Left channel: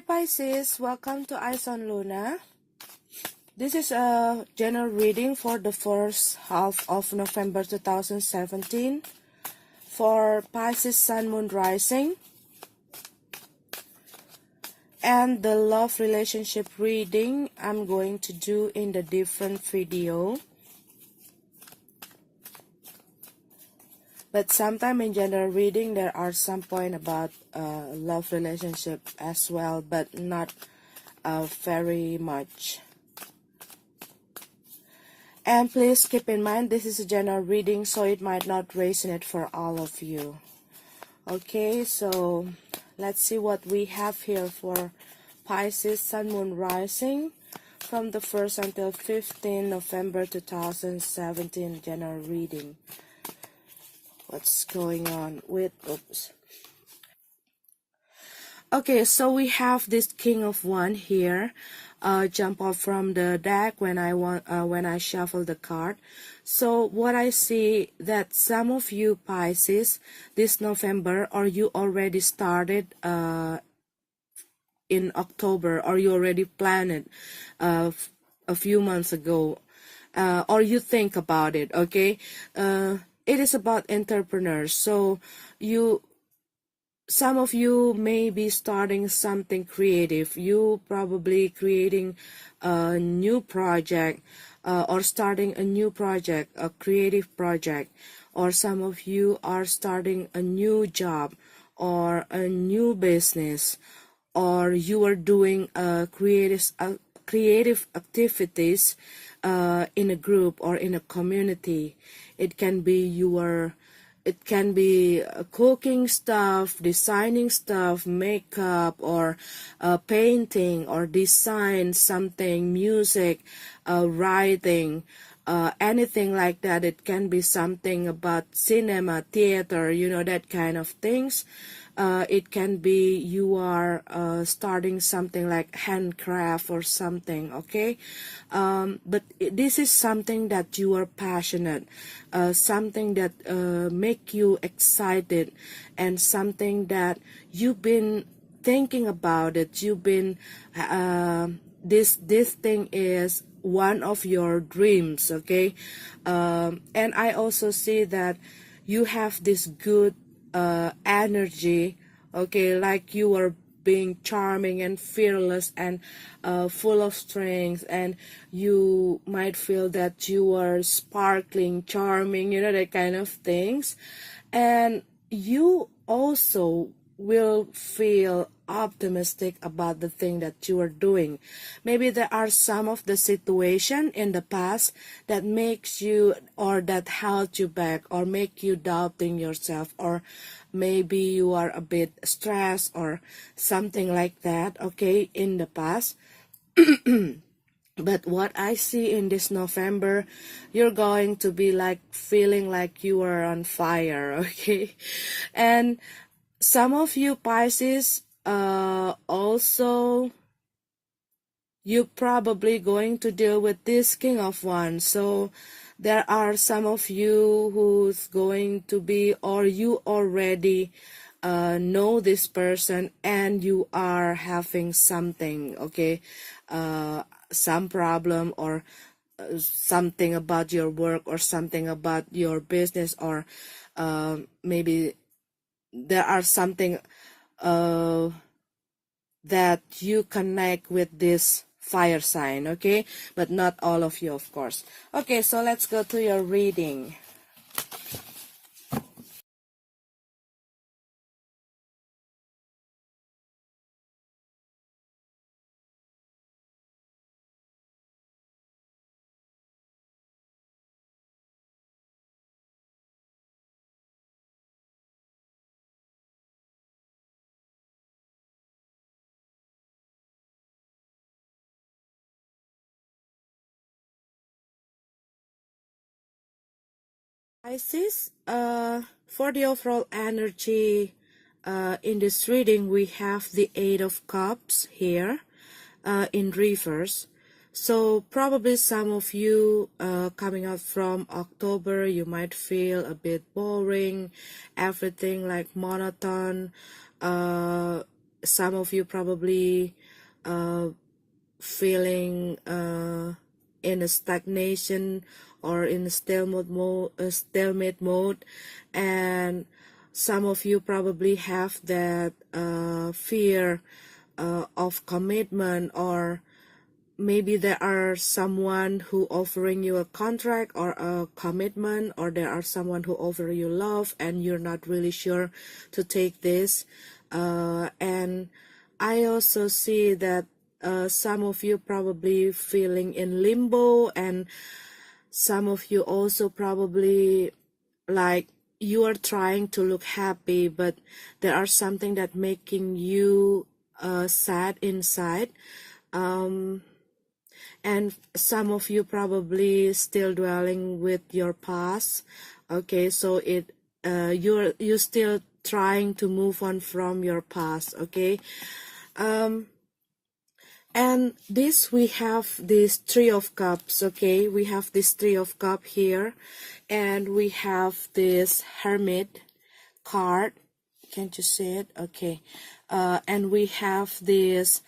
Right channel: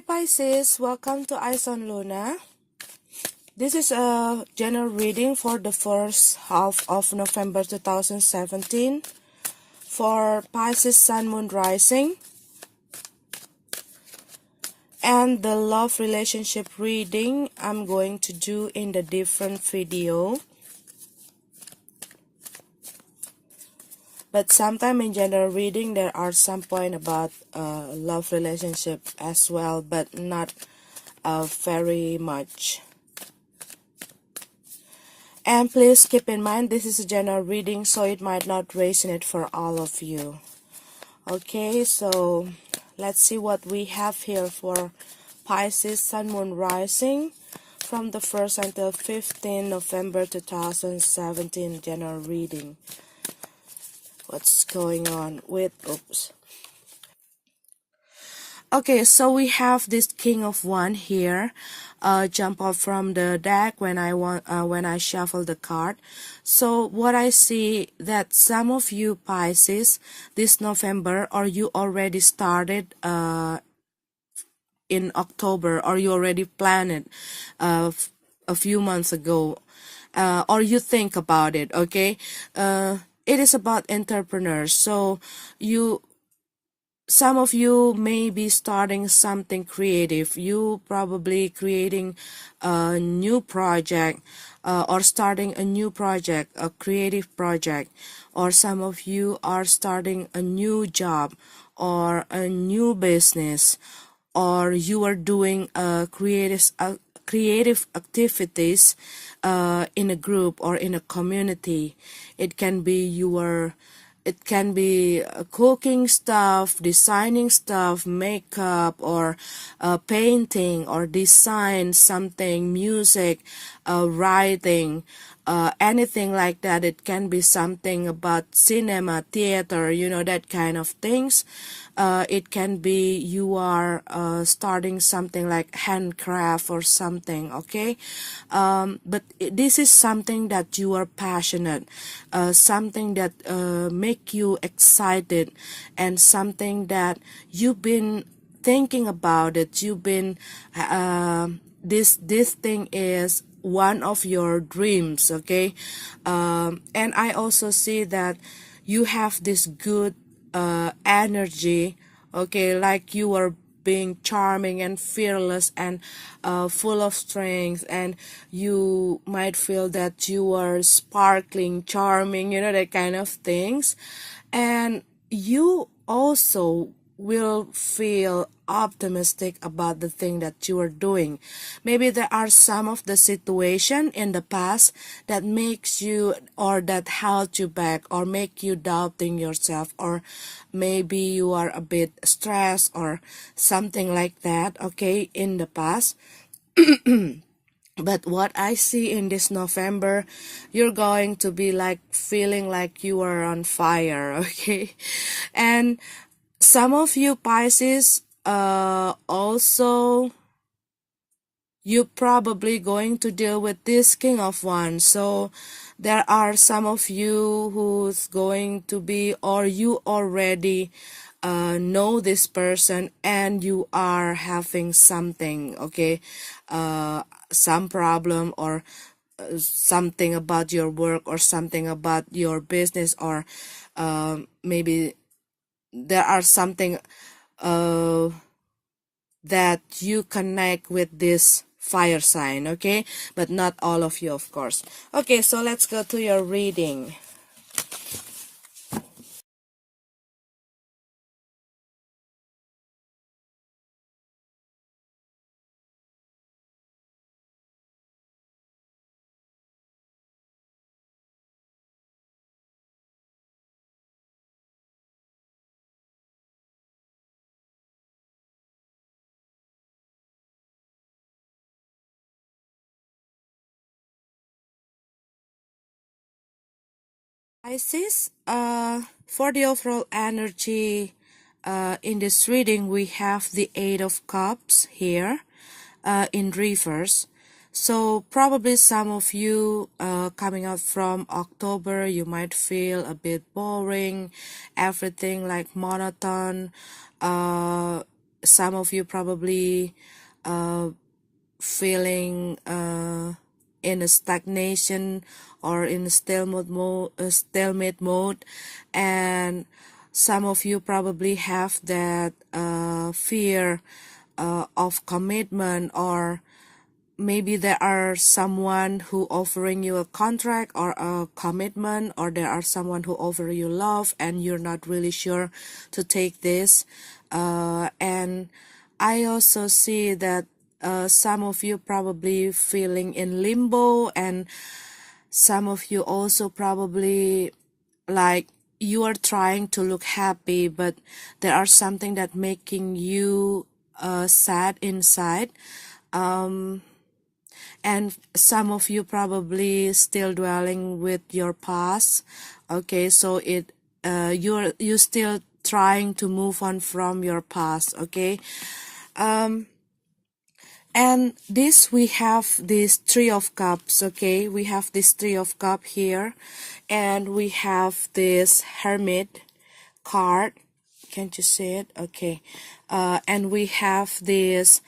Hi Pisces, welcome to Eyes on Luna. This is a general reading for the first half of November 2017 for Pisces Sun Moon Rising. And the love relationship reading I'm going to do in the different video. But sometime in general reading there are some point about love relationship as well, but not very much. And please keep in mind this is a general reading, so it might not resonate for all of you. Okay, so let's see what we have here for Pisces Sun Moon Rising from the 1st until 15 November 2017 general reading. What's going on with Okay, so we have this King of Wands here. Jump up from the deck when I shuffle the card. So what I see that some of you Pisces this November, or you already started in October, or you already planned it a few months ago, or you think about it. Okay, it is about entrepreneurs. So some of you may be starting something creative. You probably creating a new project or starting a new project, a creative project. Or some of you are starting a new job or a new business, or you are doing creative activities in a group or in a community. It can be cooking stuff, designing stuff, makeup, or painting, or design something, music, writing, anything like that. It can be something about cinema, theater, that kind of things. It can be you are starting something like handcraft or something, okay? But this is something that you are passionate, something that make you excited, and something that you've been thinking about it. You've been this thing is one of your dreams, okay? And I also see that you have this good energy, okay, like you are being charming and fearless and full of strength, and you might feel that you are sparkling, charming, that kind of things. And you also will feel optimistic about the thing that you are doing. Maybe there are some of the situation in the past that makes you, or that held you back, or make you doubting yourself, or maybe you are a bit stressed or something like that, okay, in the past. But what I see in this November, you're going to be like feeling like you are on fire, okay? And some of you Pisces, also, you probably going to deal with this King of Wands. So there are some of you who's going to be, or you already know this person, and you are having something, okay, some problem, or something about your work, or something about your business, or maybe there are something that you connect with this fire sign, okay? But not all of you, of course. Okay, so let's go to your reading. Pisces, for the overall energy in this reading, we have the Eight of Cups here in reverse. So probably some of you coming out from October, you might feel a bit boring, everything like monotone. some of you probably feeling in a stagnation or in a stalemate mode, and some of you probably have that fear of commitment, or maybe there are someone who offering you a contract or a commitment, or there are someone who offer you love and you're not really sure to take this. And I also see that some of you probably feeling in limbo, and some of you also probably like you are trying to look happy, but there are something that making you sad inside. And some of you probably still dwelling with your past. Okay, so you're still trying to move on from your past. Okay, and this we have this Three of Cups. Okay, we have this Three of Cups here, and we have this Hermit card. Can't you see it? Okay, and we have this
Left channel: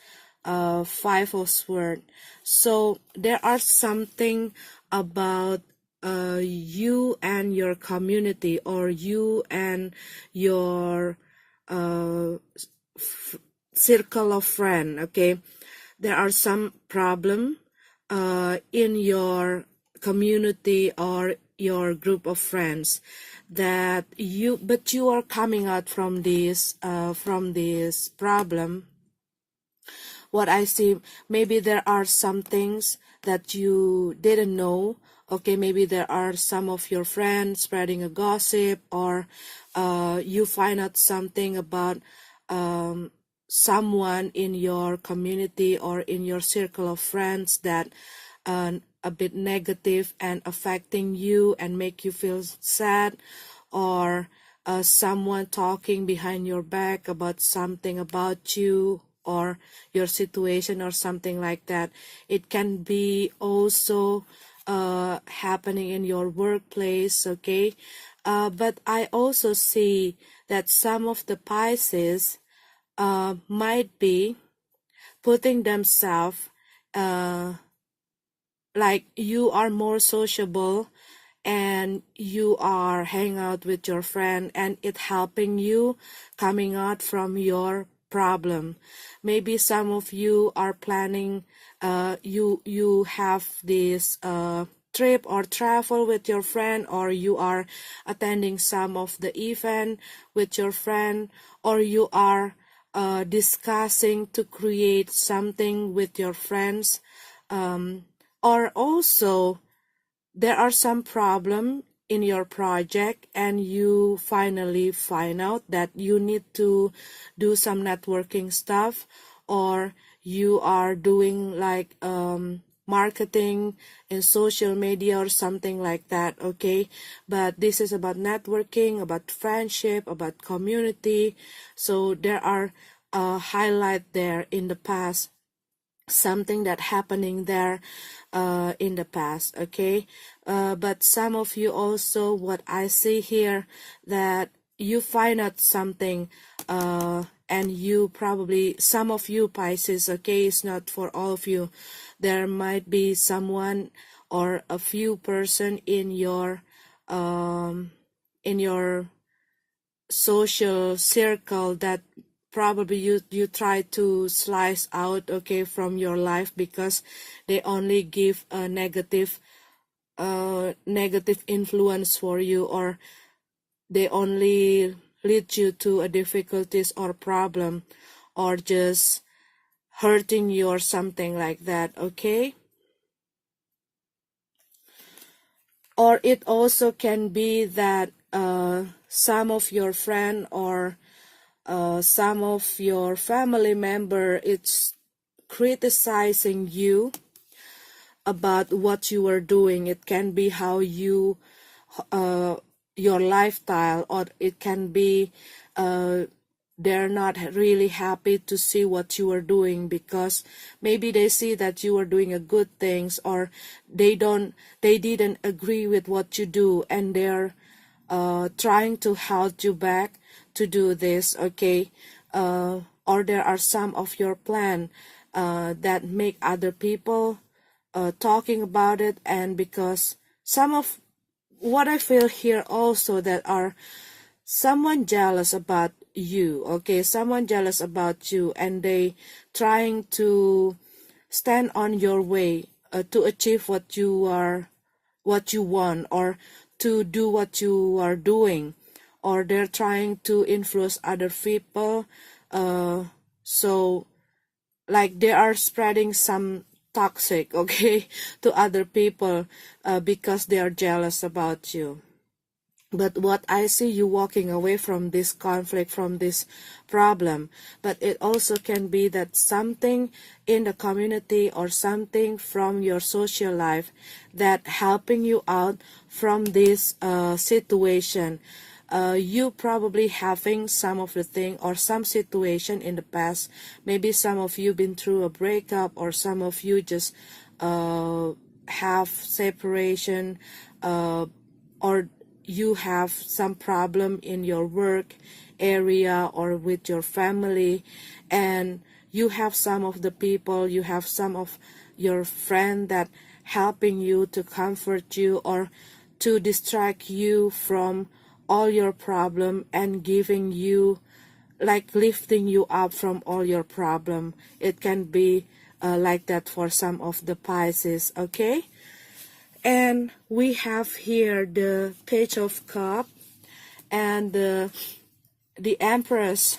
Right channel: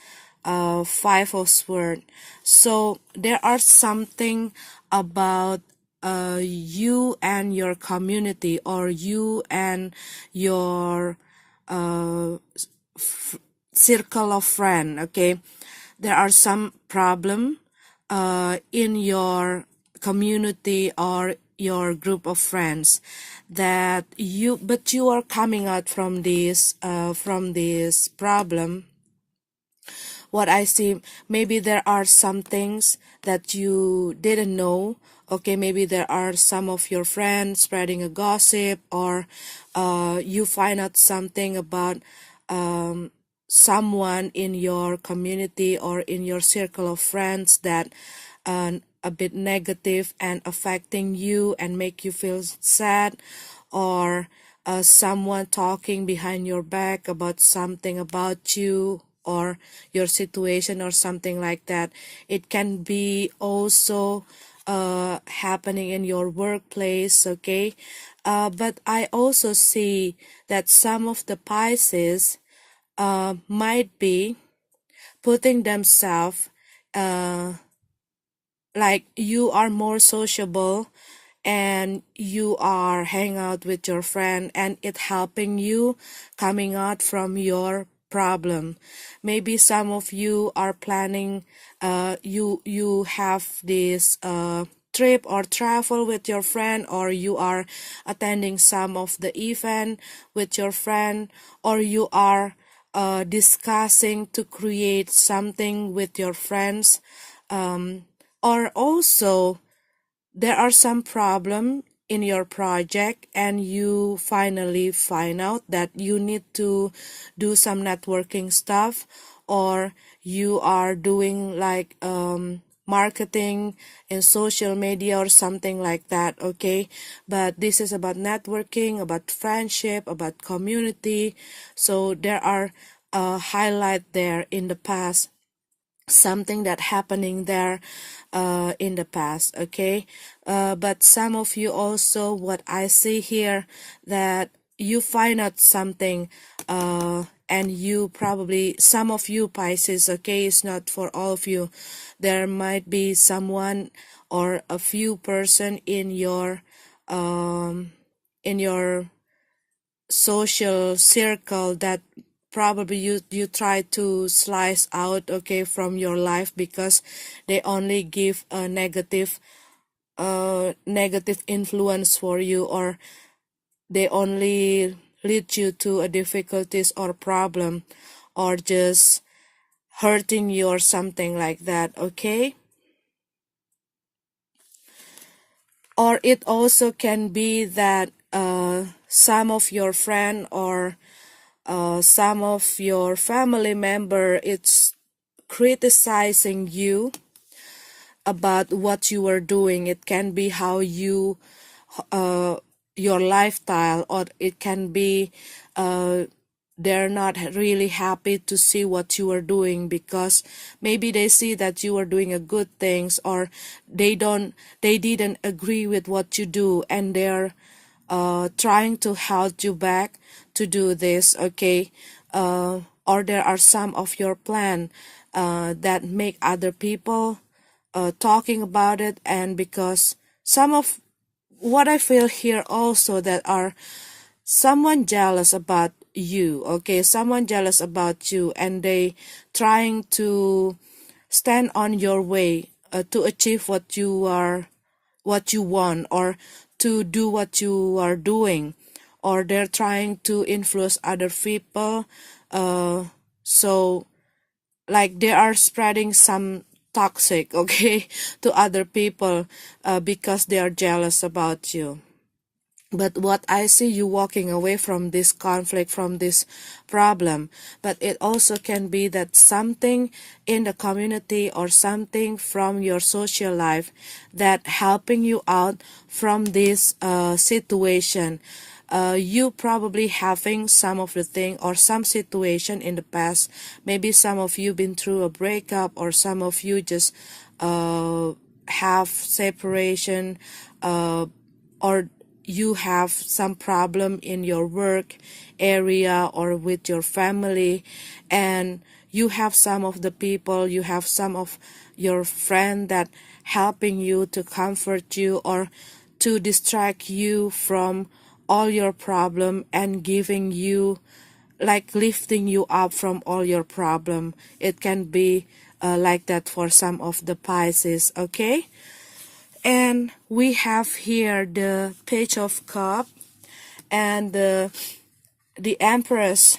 Five of Swords. So there are something about you and your community, or you and your circle of friends. Okay, there are some problem in your community or your group of friends that you are coming out from this problem. What I see, maybe there are some things that you didn't know. Okay, maybe there are some of your friends spreading a gossip, or you find out something about someone in your community or in your circle of friends that a bit negative and affecting you and make you feel sad, or someone talking behind your back about something about you or your situation or something like that. It can be also happening in your workplace. Okay, but I also see that some of the Pisces might be putting themselves like you are more sociable and you are hang out with your friend, and it helping you coming out from your problem. Maybe some of you are planning you have this trip or travel with your friend, or you are attending some of the event with your friend, or you are discussing to create something with your friends, or also there are some problem in your project and you finally find out that you need to do some networking stuff, or you are doing like marketing in social media or something like that. Okay, but this is about networking, about friendship, about community. So there are highlight there in the past, something that happening there in the past. Okay, but some of you also, what I see here, that you find out something and you probably, some of you Pisces, okay, it's not for all of you, there might be someone or a few person in your social circle that probably you try to slice out, okay, from your life, because they only give a negative influence for you, or they only lead you to a difficulties or problem, or just hurting you or something like that. Okay, or it also can be that some of your friend or some of your family member, it's criticizing you about what you are doing. It can be how you your lifestyle, or it can be they're not really happy to see what you are doing, because maybe they see that you are doing a good things, or they didn't agree with what you do, and they're trying to hold you back to do this. Okay, or there are some of your plan that make other people talking about it. And because some of what I feel here also, that are someone jealous about you, okay, someone jealous about you, and they trying to stand on your way to achieve what you want, or to do what you are doing, or they're trying to influence other people, so like they are spreading some toxic, okay, to other people because they are jealous about you. But what I see, you walking away from this conflict, from this problem, but it also can be that something in the community or something from your social life that helping you out from this situation. You probably having some of the thing or some situation in the past. Maybe some of you been through a breakup, or some of you just have separation, or you have some problem in your work area or with your family, and you have some of the people, you have some of your friend that helping you to comfort you or to distract you from all your problem and giving you, like lifting you up from all your problem. It can be like that for some of the Pisces, okay? And we have here the Page of Cups and the Empress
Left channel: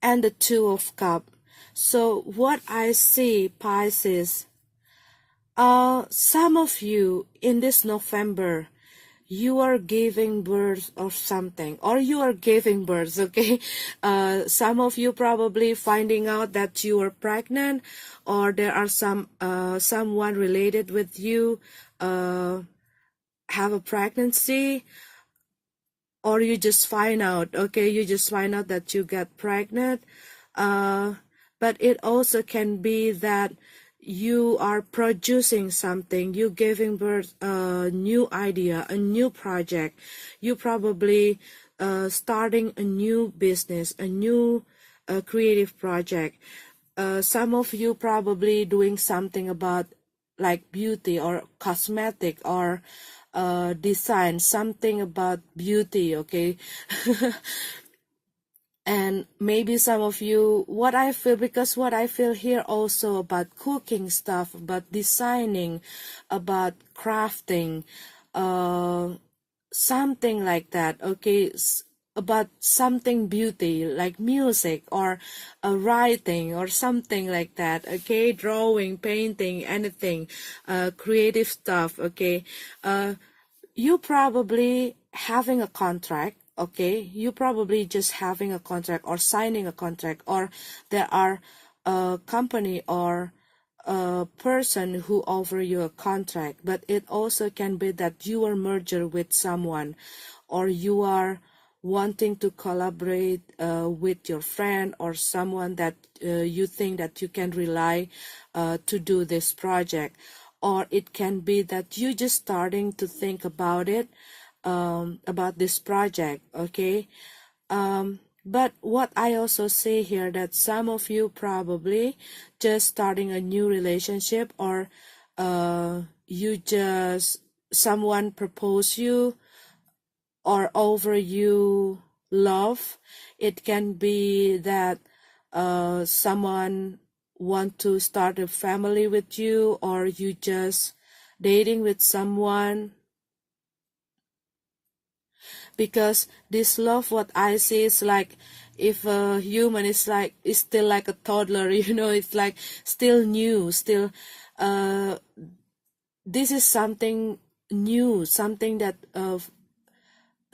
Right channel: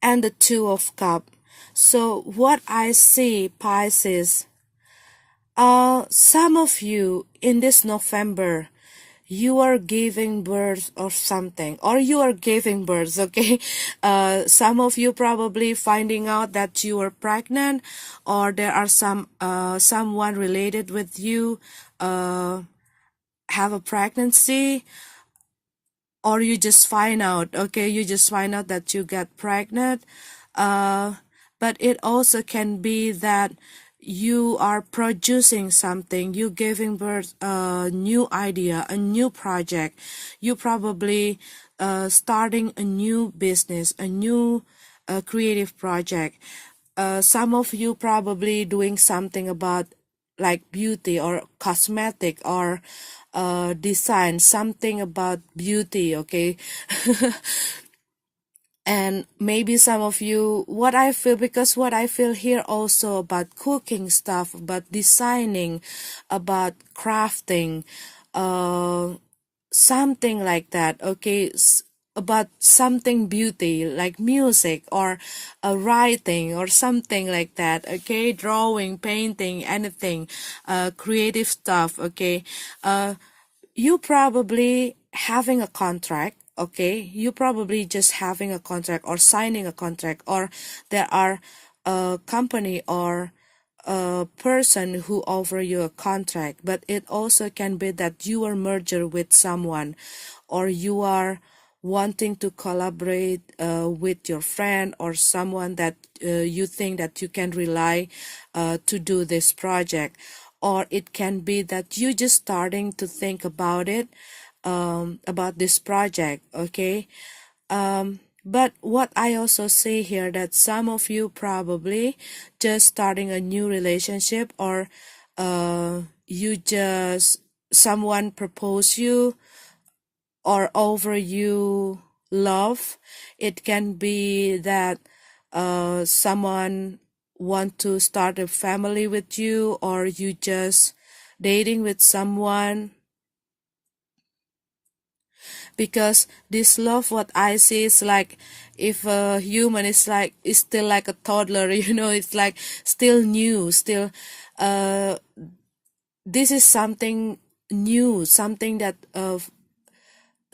and the Two of Cups. So what I see, Pisces, some of you in this November, you are giving birth or something, or you are giving birth, okay? Some of you probably finding out that you are pregnant, or there are someone related with you have a pregnancy, or you just find out, okay, you just find out that you got pregnant. But it also can be that you are producing something, you giving birth a new idea, a new project. You probably starting a new business, a new creative project. Some of you probably doing something about like beauty or cosmetic or design, something about beauty, okay? And maybe some of you, what I feel, because what I feel here also about cooking stuff, about designing, about crafting, something like that, okay? About something beauty, like music or writing or something like that, okay? Drawing, painting, anything, creative stuff, okay? You probably having a contract, okay? You probably just having a contract or signing a contract, or there are a company or a person who offer you a contract. But it also can be that you are merged with someone, or you are wanting to collaborate with your friend or someone that you think that you can rely to do this project. Or it can be that you just starting to think about it, about this project, okay? But what I also see here, that some of you probably just starting a new relationship, or you just, someone propose you or over you love. It can be that someone want to start a family with you, or you just dating with someone. Because this love, what I see is like, if a human is like, is still like a toddler, you know, it's like still new, still this is something new, something that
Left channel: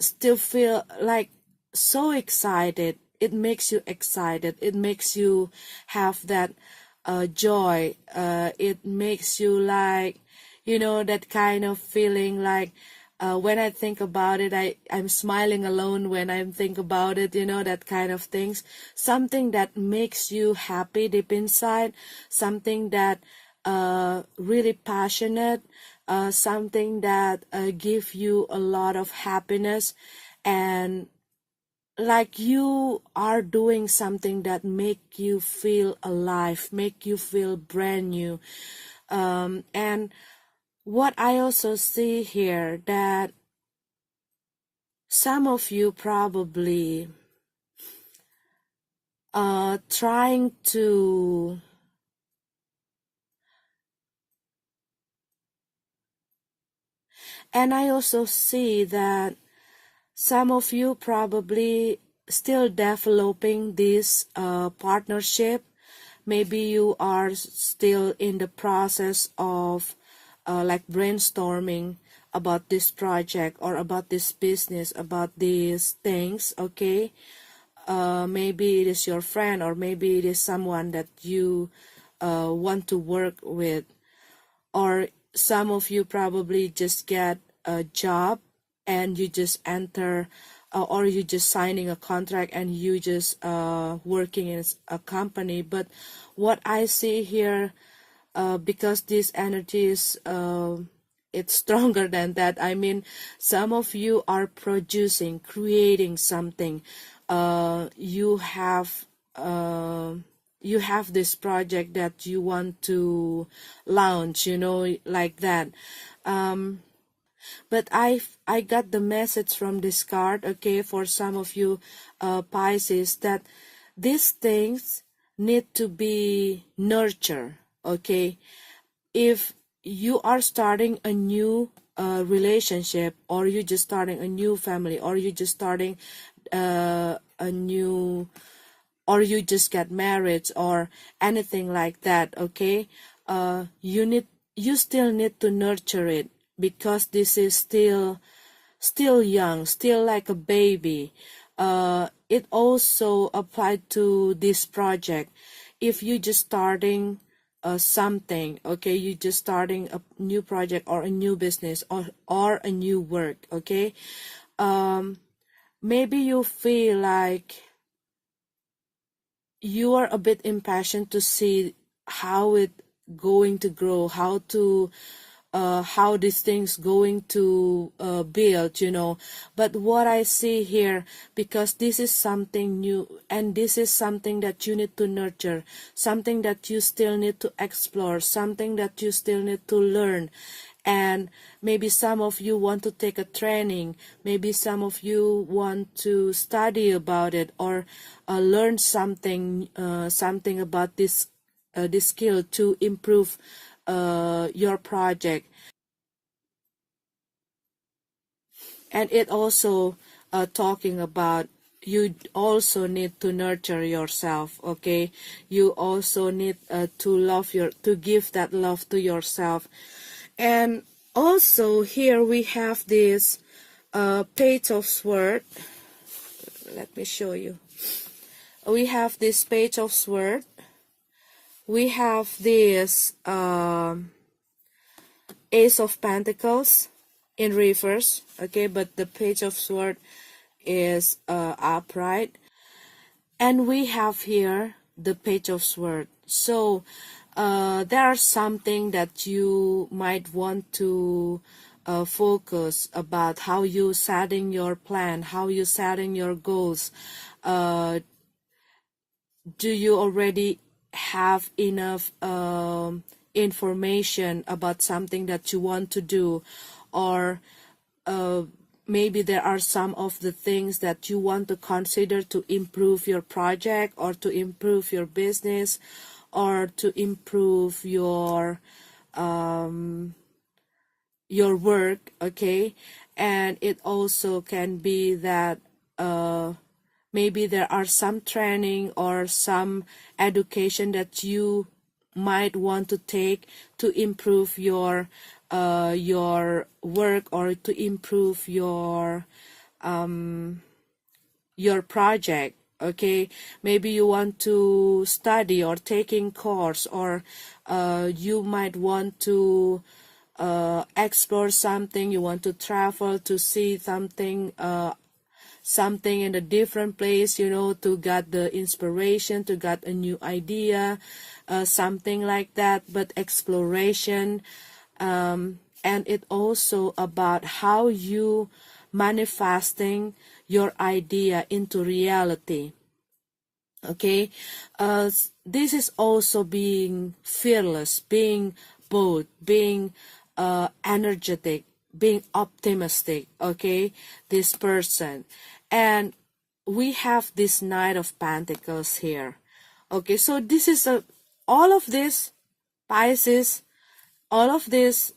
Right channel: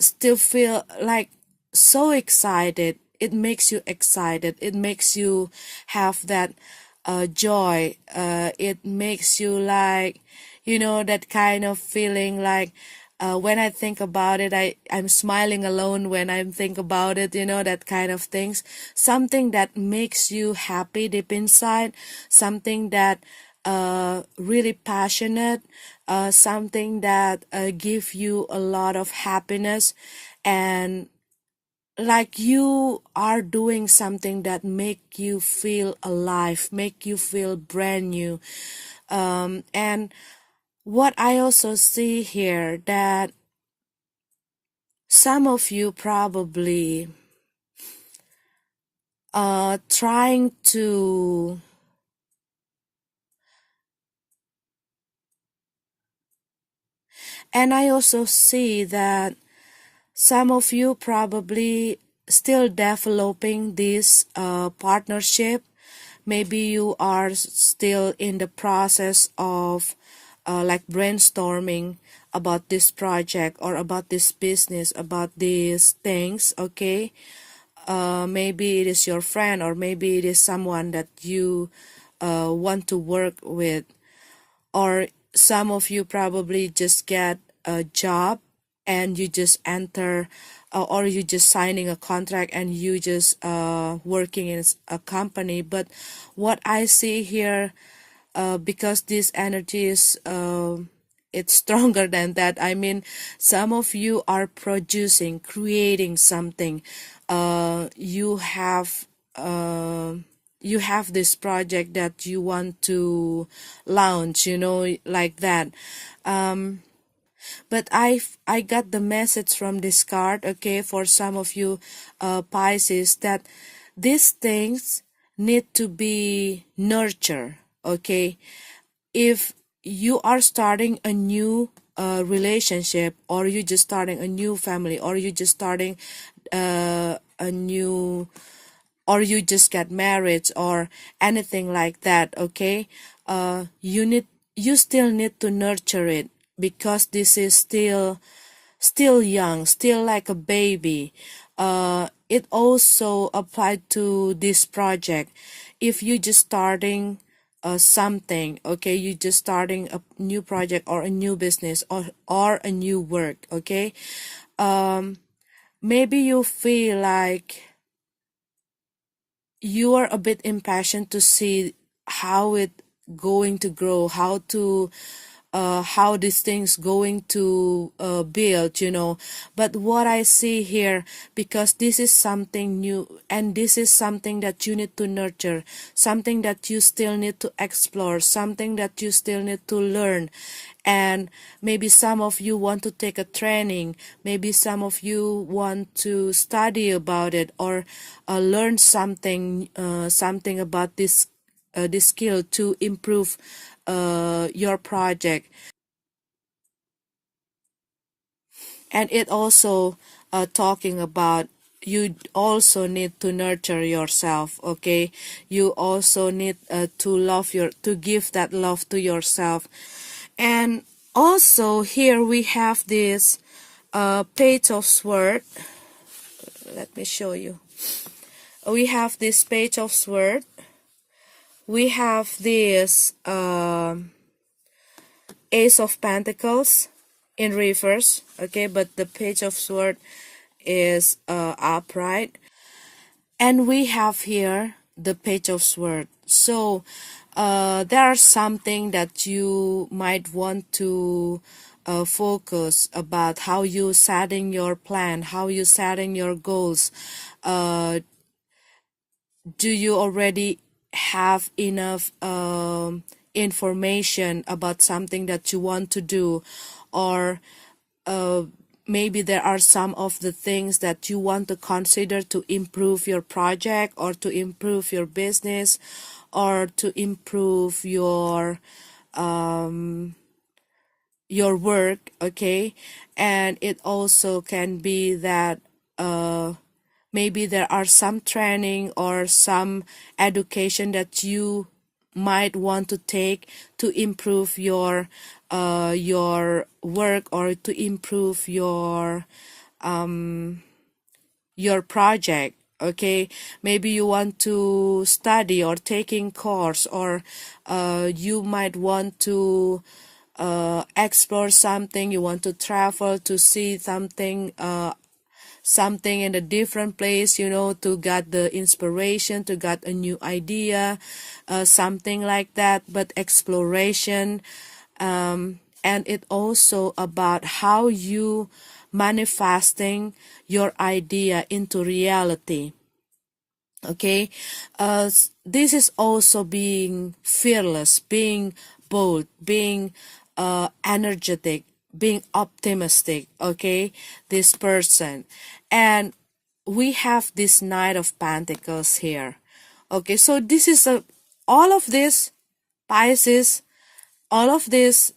still feel like so excited. It makes you excited, it makes you have that joy, it makes you like, you know, that kind of feeling like when I think about it, I'm smiling alone when I think about it, you know, that kind of things. Something that makes you happy deep inside, something that really passionate, something that give you a lot of happiness. And like you are doing something that make you feel alive, make you feel brand new. And what I also see here, that some of you probably trying to, and I also see that some of you probably still developing this partnership. Maybe you are still in the process of like brainstorming about this project or about this business, about these things, okay? Maybe it is your friend, or maybe it is someone that you want to work with, or some of you probably just get a job and you just enter, or you just signing a contract and you just working in a company. But what I see here, because this energy is it's stronger than that. I mean, some of you are producing, creating something. You have you have this project that you want to launch, you know, like that. But I got the message from this card, okay, for some of you Pisces, that these things need to be nurtured, okay? If you are starting a new relationship, or you just starting a new family, or you just starting a new, or you just get married or anything like that, okay, you still need to nurture it, because this is still young, still like a baby. It also applied to this project. If you just starting something, okay, you just starting a new project or a new business, or a new work, okay, maybe you feel like you are a bit impatient to see how it going to grow, how these things going to build, you know. But what I see here, because this is something new, and this is something that you need to nurture, something that you still need to explore, something that you still need to learn. And maybe some of you want to take a training, maybe some of you want to study about it, or learn something about this skill to improve your project. And it also talking about, you also need to nurture yourself, okay? You also need to give that love to yourself. And also here we have this page of sword. Let me show you. We have this page of sword. We have this ace of pentacles in reverse, okay, but the page of sword is upright. And we have here the page of sword. So there's something that you might want to focus about, how you setting your plan, how you setting your goals. Do you already have enough information about something that you want to do, or maybe there are some of the things that you want to consider to improve your project, or to improve your business, or to improve your work, okay? And it also can be that maybe there are some training or some education that you might want to take to improve your work, or to improve your project, okay? Maybe you want to study or taking course, or you might want to explore something, you want to travel to see something in a different place, you know, to get the inspiration, to get a new idea, something like that. But exploration, and it also about how you manifesting your idea into reality. Okay, this is also being fearless, being bold, being energetic, being optimistic. Okay, this person, and we have this Knight of Pentacles here. Okay, so this is all of this, Pisces, all of this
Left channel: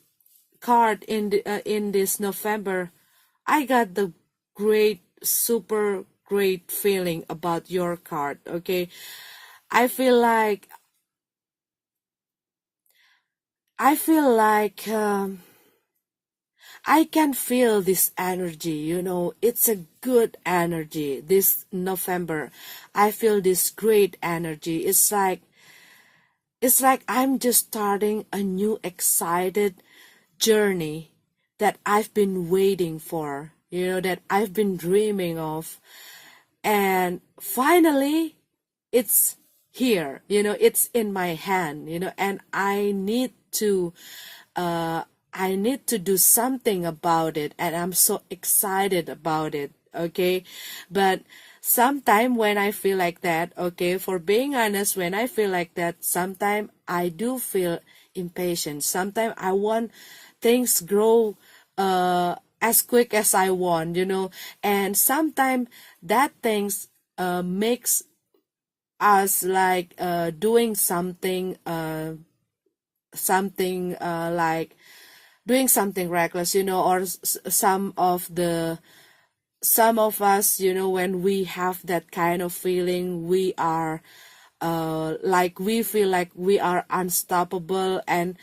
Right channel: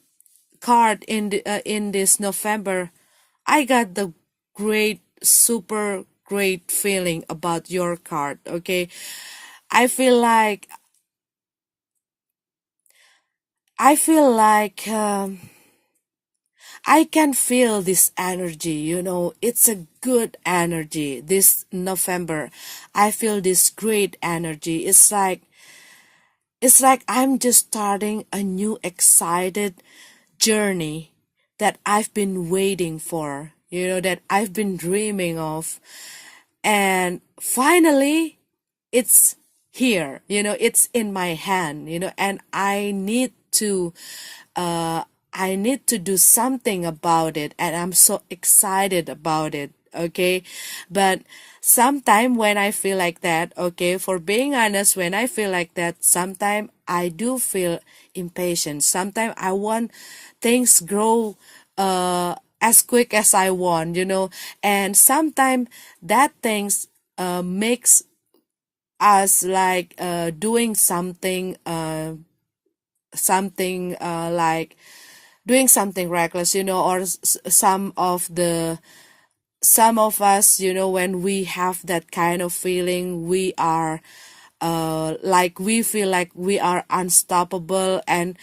card in this November. I got the great, super great feeling about your card. Okay, I feel like I feel like I can feel this energy. It's a good energy. This November, I feel this great energy. It's like I'm just starting a new excited journey that I've been waiting for, that I've been dreaming of. And finally, it's here, it's in my hand, and I need to do something about it, and I'm so excited about it. Okay, but sometime when I feel like that, okay, for being honest, when I feel like that, sometimes I do feel impatient. Sometimes I want things grow as quick as I want, and sometimes that things makes us like doing something like doing something reckless, or some of us, when we have that kind of feeling, we are like we feel like we are unstoppable, and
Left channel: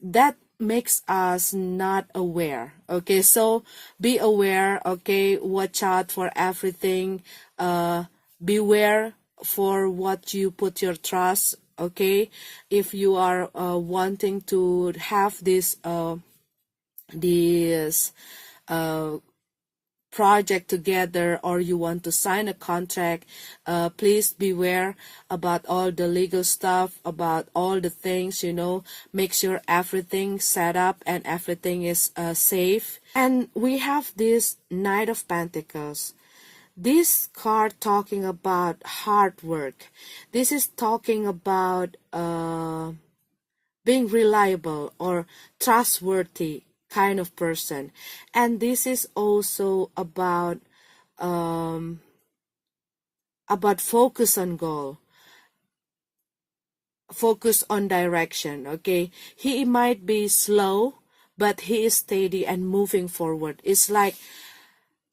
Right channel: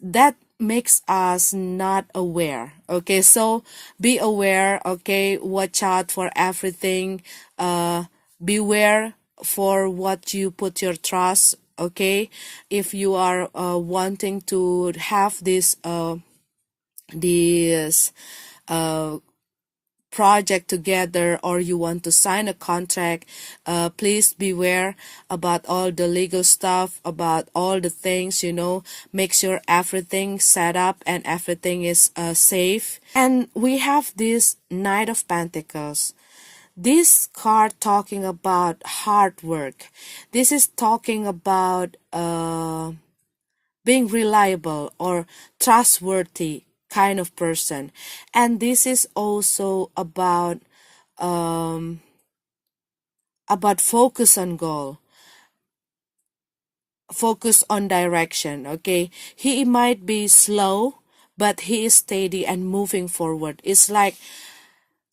that makes us not aware. Okay, so be aware. Okay, watch out for everything. Beware for what you put your trust. Okay, if you are wanting to have this project together, or you want to sign a contract, please beware about all the legal stuff, about all the things, make sure everything set up and everything is safe. And we have this Knight of Pentacles. This card talking about hard work. This is talking about being reliable or trustworthy kind of person, and this is also about focus on goal, focus on direction. Okay, he might be slow, but he is steady and moving forward. It's like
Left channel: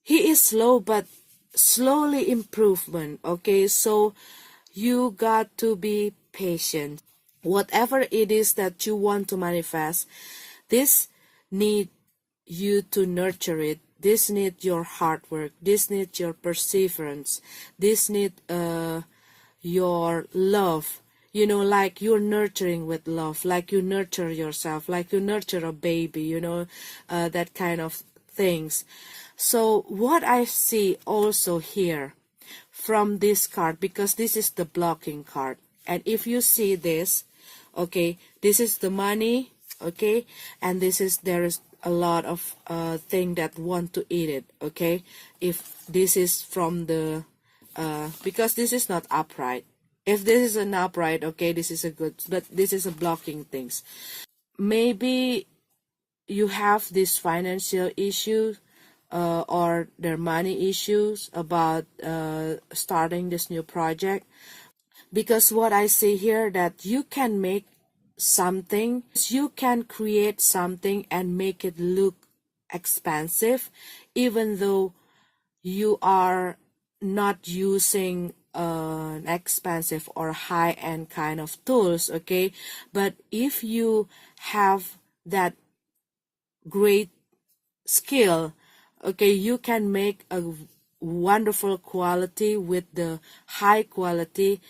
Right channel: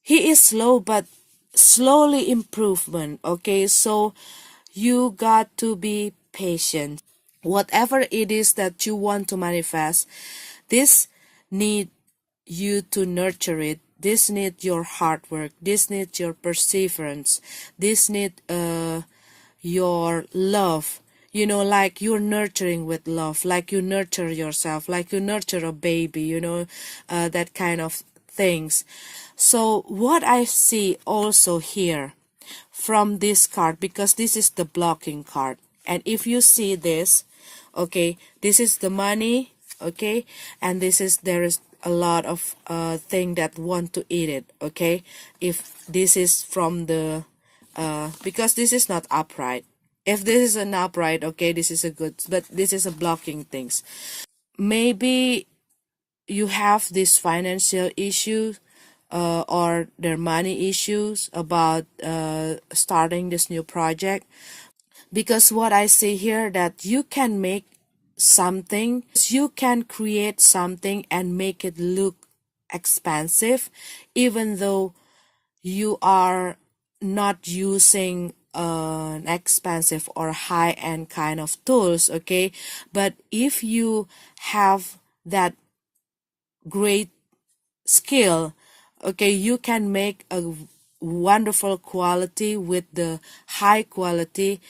he is slow but slowly improvement. Okay, so you got to be patient. Whatever it is that you want to manifest, this need you to nurture it. This need your hard work. This need your perseverance. This need your love. Like you're nurturing with love, like you nurture yourself, like you nurture a baby, that kind of things. So what I see also here from this card, because this is the blocking card, and if you see this, okay, this is the money, okay, and there is a lot of thing that want to eat it. Okay, if this is from the because this is not upright. If this is an upright, okay, this is a good, but this is a blocking things. Maybe you have this financial issue or their money issues about starting this new project, because what I see here, that you can make something, you can create something and make it look expensive, even though you are not using an expensive or high-end kind of tools. Okay, but if you have that great skill, okay, you can make a wonderful quality with the high quality,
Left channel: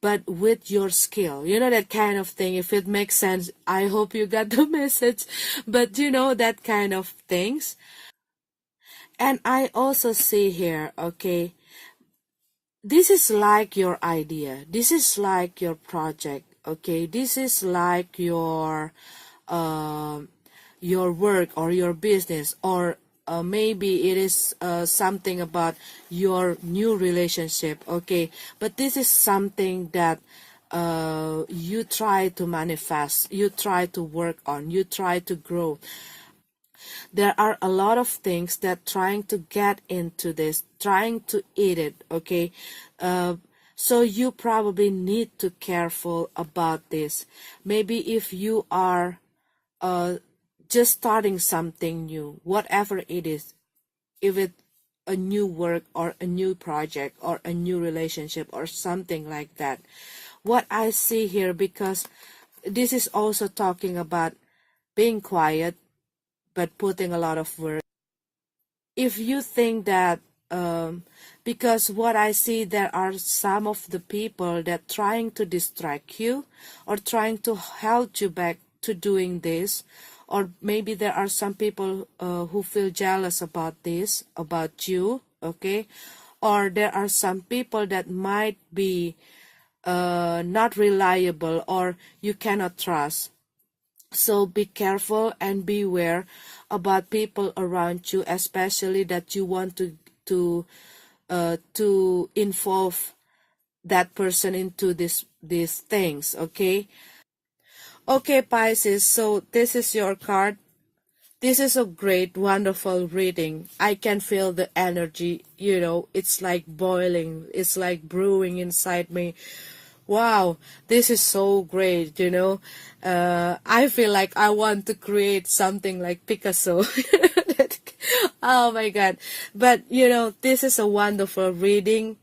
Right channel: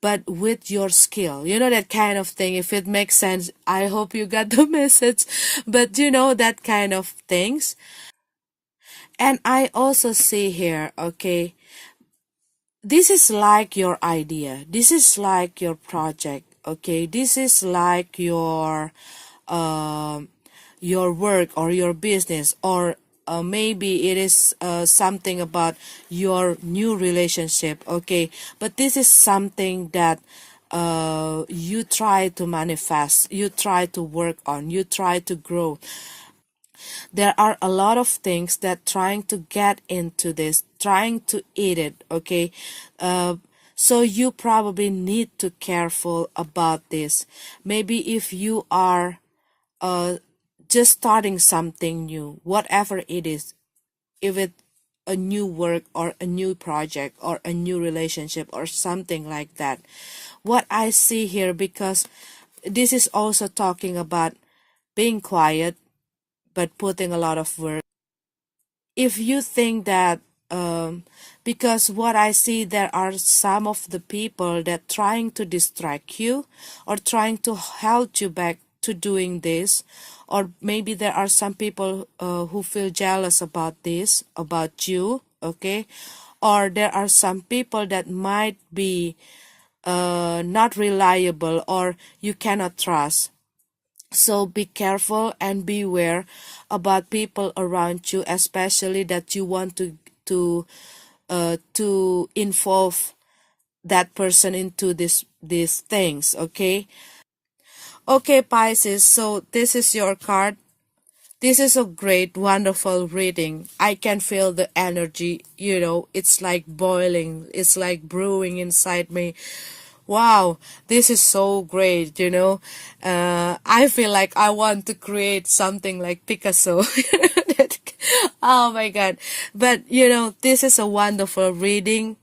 but with your skill, that kind of thing. If it makes sense, I hope you got the message, but that kind of things. And I also see here, okay, this is like your idea, this is like your project, okay, this is like your work or your business, or maybe it is something about your new relationship, okay? But this is something that you try to manifest, you try to work on, you try to grow. There are a lot of things that trying to get into this, trying to eat it, okay? So you probably need to careful about this. Maybe if you are just starting something new, whatever it is, if it a new work or a new project or a new relationship or something like that. What I see here, because this is also talking about being quiet but putting a lot of work. If you think that because what I see, there are some of the people that trying to distract you or trying to hold you back to doing this, or maybe there are some people who feel jealous about this, about you, okay? Or there are some people that might be not reliable or you cannot trust. So be careful and beware about people around you, especially that you want to involve that person into these things, okay? Okay, Pisces, so this is your card. This is a great, wonderful reading. I can feel the energy, it's like boiling, it's like brewing inside me. Wow, this is so great. I feel like I want to create something like Picasso. Oh my God. But, this is a wonderful reading,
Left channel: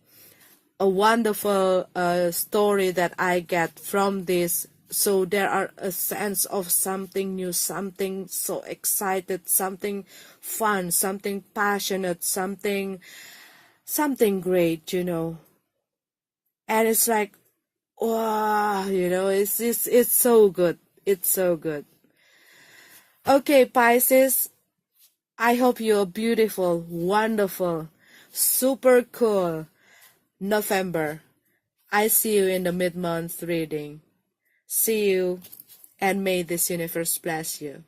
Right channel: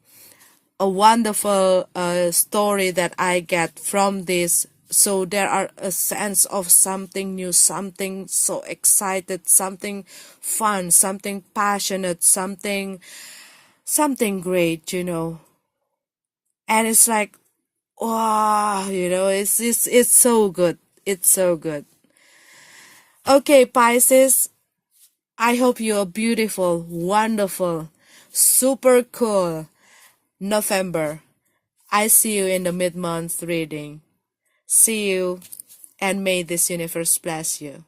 a wonderful story that I get from this. So there are a sense of something new, something so excited, something fun, something passionate, something great, And it's like, wow, it's so good. It's so good. Okay, Pisces, I hope you're beautiful, wonderful, super cool November. I see you in the mid-month reading. See you, and may this universe bless you.